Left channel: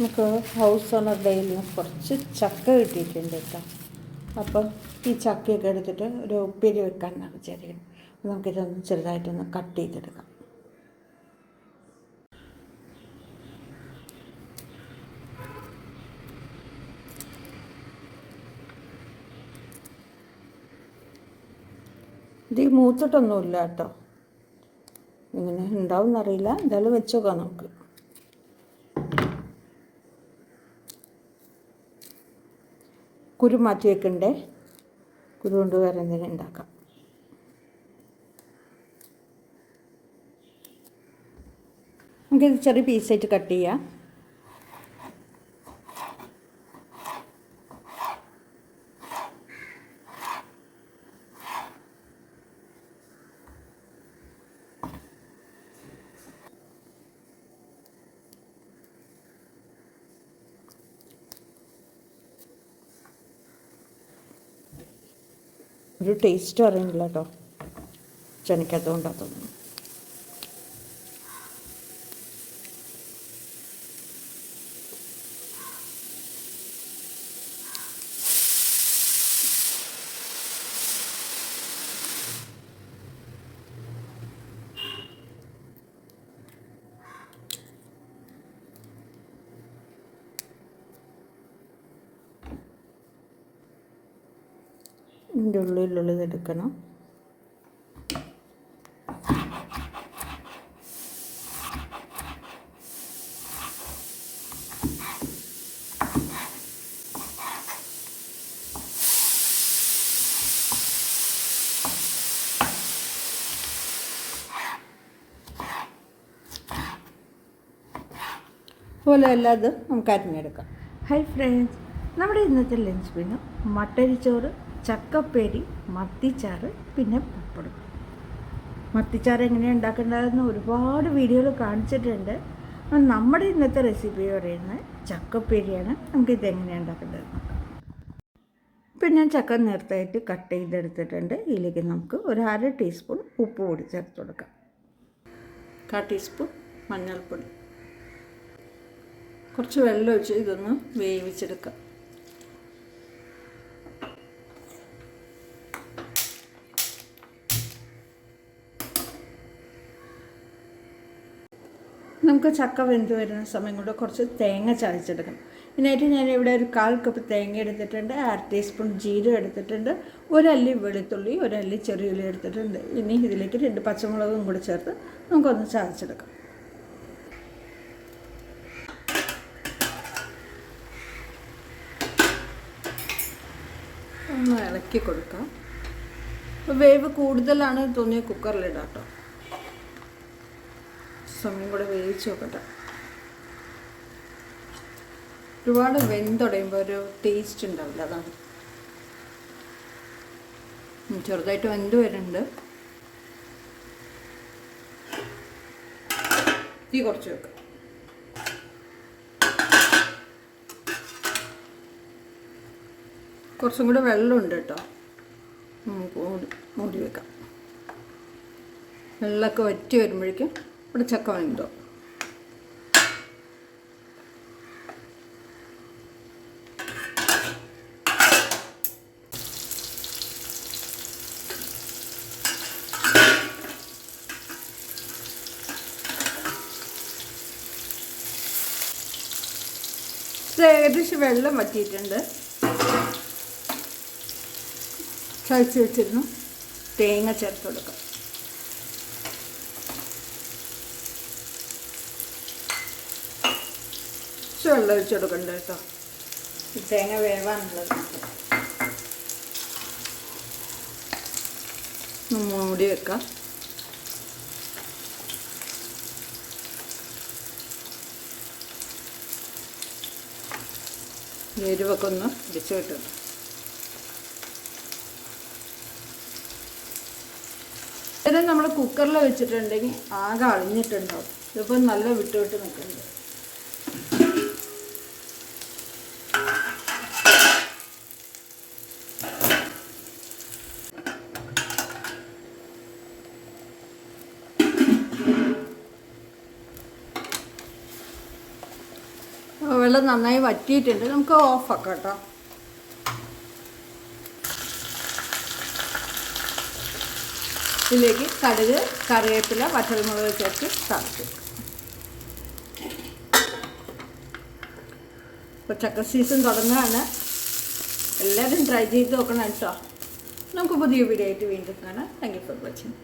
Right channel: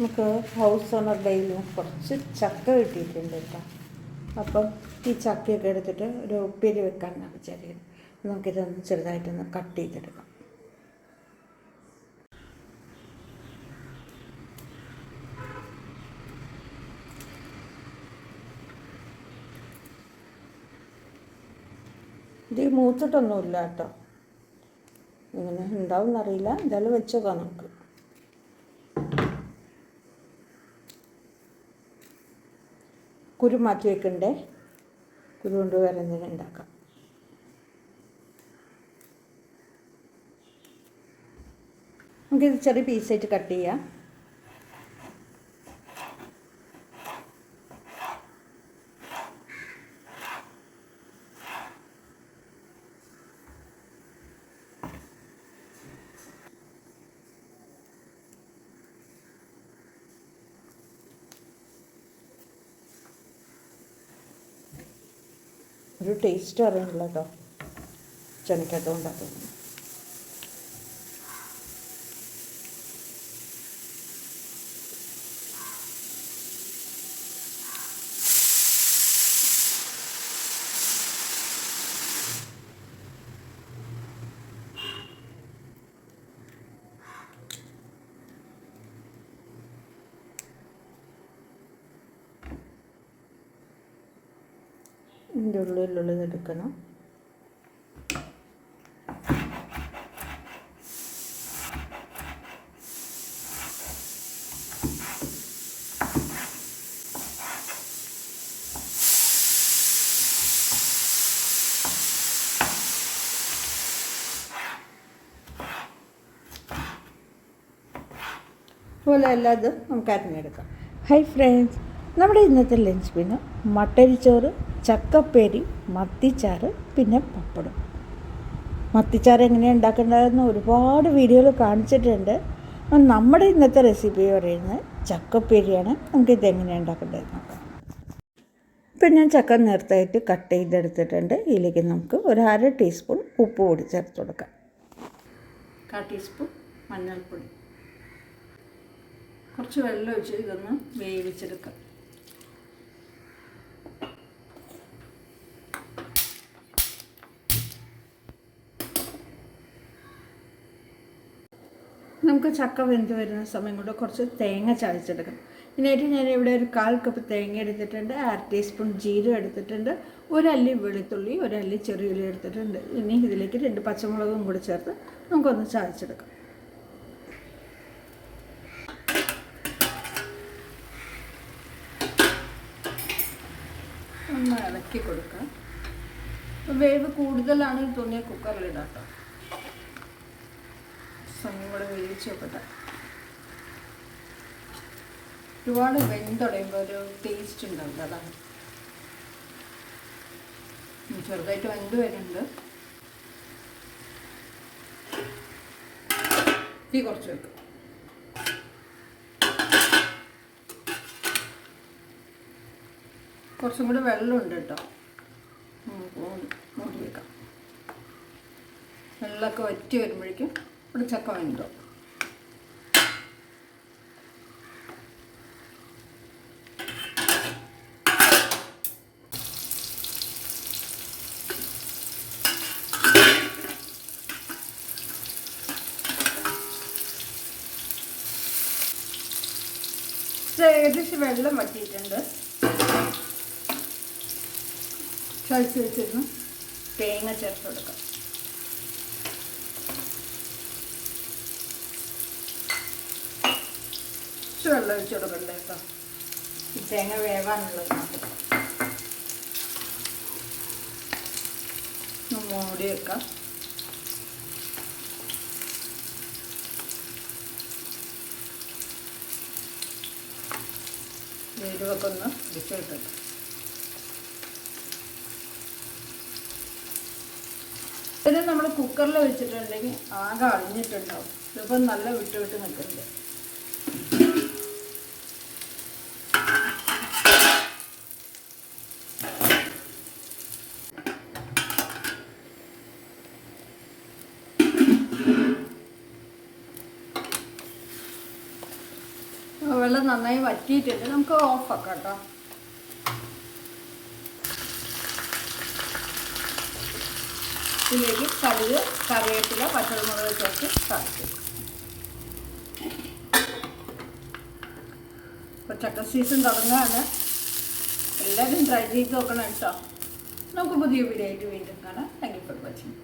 നമുക്ക് house owner ഡേയിൽ നിന്ന് കുറച്ച് ചക്ക കിട്ടിയിട്ടുണ്ട് കേട്ടോ. അപ്പം ഈ ചക്കയൊക്കെ എടുത്തിട്ട് ഒരു ഉപ്പേരി വെക്കാനാണ് വിചാരിക്കുന്നത്. നമുക്കിതൊന്ന് ചെറുതായിട്ടൊന്ന് കട്ട് ചെയ്തെടുക്കാം. ഇത് മൂത്തിട്ടൊന്നുമില്ല കേട്ടോ. ഇങ്ങനെ ഉണ്ടാവും എന്നറിയില്ല എന്തായാലും വെച്ചോക്കാം നമുക്ക്. കുരു മാറ്റി വെക്കണ്ടേ? കുരു കൊണ്ട് വേറെ എന്തെങ്കിലും ഉണ്ടാക്കാം. നമുക്കിത് ചെറിയ പീസായിട്ട് കട്ട് ചെയ്യാം. ഒരു ടേസ്റ്റ് അറിയണില്ല കേട്ടോ തോന്നുന്നു ഇതിന്റെ ഉള്ളിലുള്ളത് എടുക്കണം. അതുപോലെ എല്ലാതും നമുക്ക് അരിഞ്ഞെടുക്കാം. ഹൈ ഫ്രണ്ട്സ് നമ്മുടെ ഇന്നത്തെ ലഞ്ച് പിന്നെ മട്ടരി മട്ടരിച്ചോറ് ചക്കപ്പേരി മത്തിച്ചാറ് പിന്നെ പപ്പടം. മത്തിച്ചാറ് എങ്ങനെയാണ് ഉണ്ടാക്കേണ്ടതെന്ന് ഒരുപാട് വീഡിയോകൾ കാണിച്ചിട്ടുണ്ട്. നമ്മുടെ ഇന്നത്തെ റെസിപ്പി പറയുന്നത് ചക്കപ്പേരിയാണ്. നമുക്ക് ഇതെങ്ങനെയാണ് ഉണ്ടാക്കേണ്ടത് നോക്കാം. ഇപ്പം ഞാൻ ചക്ക നേരത്തായിട്ട് കട്ട് ചെയ്തെടുത്തിട്ടുണ്ട്. ഇതിലേക്ക് നമുക്ക് ഒരു അര ടീസ്പൂൺ ഉപ്പ് പൊടി ചേർത്ത് കൊടുക്കാം. കാ ടീസ്പൂൺ മഞ്ഞൾപ്പൊടി. കുറച്ച് വെള്ളം ഒഴിച്ച് ഇതൊന്ന് വേവിച്ചെടുക്കാം. നമുക്ക് ചക്ക വെന്ത് വരുന്ന സമയം കൊണ്ട് കുറച്ച് തേങ്ങ ചതച്ചെടുക്കണം. ഇതിനായിട്ട് ഞാൻ ഇവിടെ ഒരു കാൽ കപ്പ് തേങ്ങ എടുത്തിട്ടുണ്ട് അര ടീസ്പൂൺ ജീരകം എടുത്തിട്ടുണ്ട് ഒരല്ലി വെളുത്തുള്ളി ഒരല്ലി ചെറിയുള്ളി എടുത്തിട്ടുണ്ട്. ഇനി ഇതിലേക്ക് രണ്ട് പച്ചമുളകും കൂടി ചേർത്ത് നമുക്കൊന്ന് ചതച്ചെടുക്കാം. ഒന്ന് ഇളക്കി കൊടുക്കാം. വേവ് കൂടുതലാണ് തോന്നിയ കുക്കറിലിടാം കേട്ടോ സമയം കൂടെ വേവിച്ച് നോക്കട്ടെ. ഒരുപാട് വെന്തുടയുമ്പോൾ ഒരു ടേസ്റ്റ് ഉണ്ടാവില്ല അതാണ്. ചെറുതായിട്ട് വെന്ത് വരുന്നുണ്ട്. തീ കുറച്ച് വെക്കാം. കുറച്ചും കൂടെ വെള്ളമുണ്ട് കേട്ടോ. മൂടി വെക്കാം. വെള്ളമൊക്കെ വറ്റി വരുമ്പോഴേക്കും ഇവിടെ ചക്ക വെന്തോ ഏകദേശം വെള്ളം വറ്റിയിട്ടുണ്ട്. ചതച്ച് വെച്ചിരുന്നു. തേങ്ങ ചേർത്ത് കൊടുക്കാം. കുറച്ച് വെള്ളം ഒഴിച്ച് കൊടുക്കണ്ട കേട്ടോ തേങ്ങ വേവാനുള്ളത്. മൂടി വെക്കാം. എരിവൊക്കെ ഒന്ന് ഇടിച്ചു കിട്ടും ഇത് നമ്മൾ കുക്കറിൽ വെച്ചിട്ടുണ്ടെങ്കിൽ ആകെ അഴിഞ്ഞിട്ടുണ്ടാവും ഇതിപ്പോൾ നല്ല വിട്ട് വിട്ട് നിൽക്കുന്നുണ്ട് വറ്റിയിട്ടുണ്ട്. നമുക്ക് ഓഫാക്കാം കേട്ടോ. ഇതിലേക്ക് കടുക് കറിവേപ്പില പച്ചമുളക് ചേർത്ത് തറച്ചു ഇപ്പോൾ ചക്ക സീസൺ തുടങ്ങുകയാണ്. എല്ലാവരും ട്രൈ ചെയ്ത് നോക്കണം കേട്ടോ. നമുക്ക് പുതിയ വീഡിയോ ആയിട്ട് വീണ്ടും കാണാം. Thank you for watching